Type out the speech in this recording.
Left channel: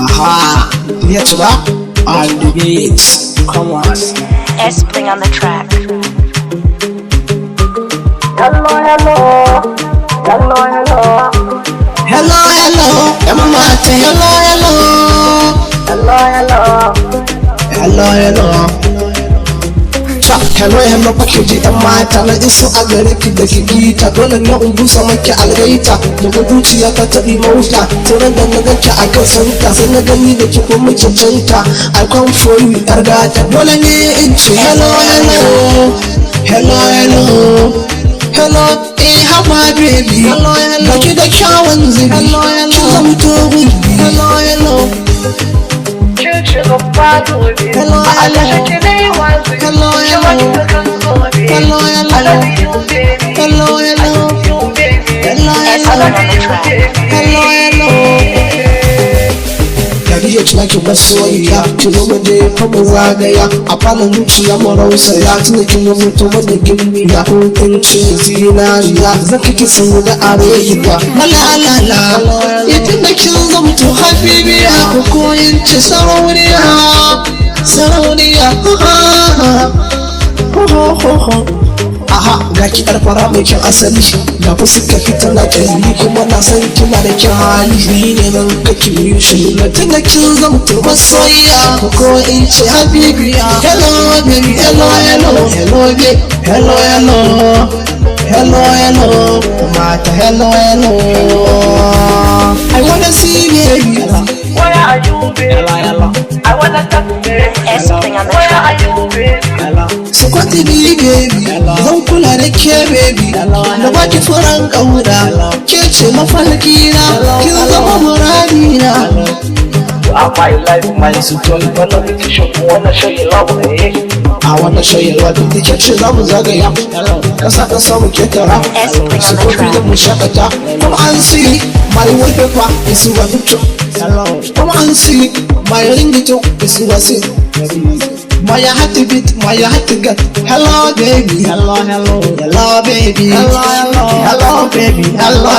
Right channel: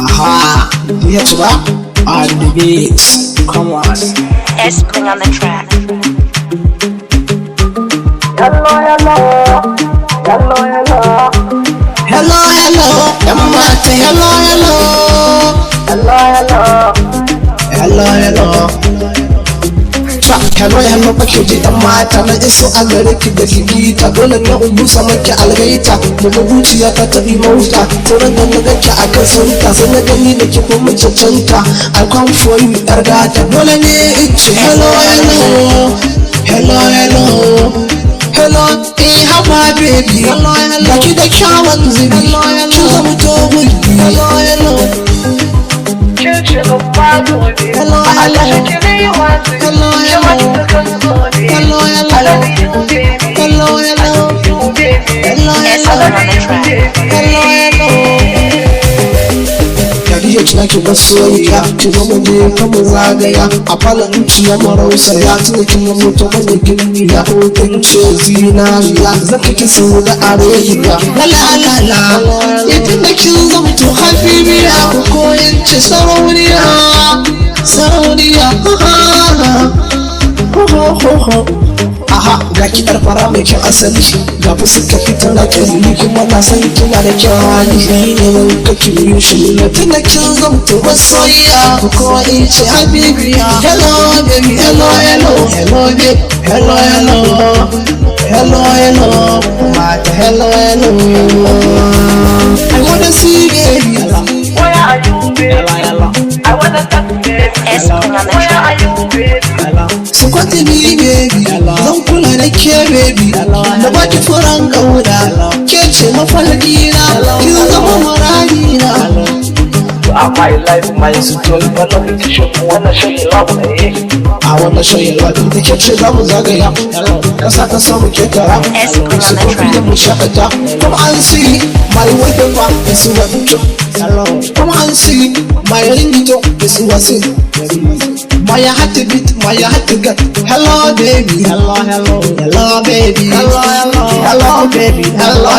Aha, let's rock on the beats. Come on. S-Spring on the track. Hello, hello. Hello, hello. Hello, hello. Umar, say hello, hello. Hello, hello. Hello, hello. Hello, hello, baki ji dan mata na iso a gare ki da gigita dole ne in busa maki algaita daga zuciya ta tabi mota sauran da na ganki a kan sauta sai na gani da ki kuma cancanta I come for you yar gata dole ne in ce hello, hello. Hello, hello. Hello, how my baby. Hello, hello. Baki da kyawun zubi. Hello, hello. Kin zama to gulbi. Hello, hello. Hello, hello. Ki masoyiya ki zo mu je fa mu zagaya a falon zuciya mu rausaya tunda kin yi mutum wanda gimbiya ko kin ce zinariya zaka ki sau da arewa la idan da kin zama to habibiya ko koyin ce sarauniya aha ga ki yar fara mai kyan asali ga fuskar ki tana kyalli kuma na san kina da kyan hali ni ne mun kake yi shi na tana kin zamto masoyiya ko in ce habibiya hello baby hello hello hello baby hello hello hello hello mata hello hello I wanna see baby Where are you, baby? I wanna touch you, baby. S-Spring on the Where track. are you, baby? su kwanta ni baby zan kula da ke baby da baki furan kauda ke ce mafarki na kin zama murani na My life, my soul, wanna show you love, eh? I wanna show you love da ke ce za mu zagaya kasa ka samu ke tara su kofi da mu shakata come and see my wallpaper is what it come and see my ringtone is what it my heart to beat, my heart to get. Hello, baby. Hello, hello. Hello, baby. Hello, hello. Hello, baby. Hello,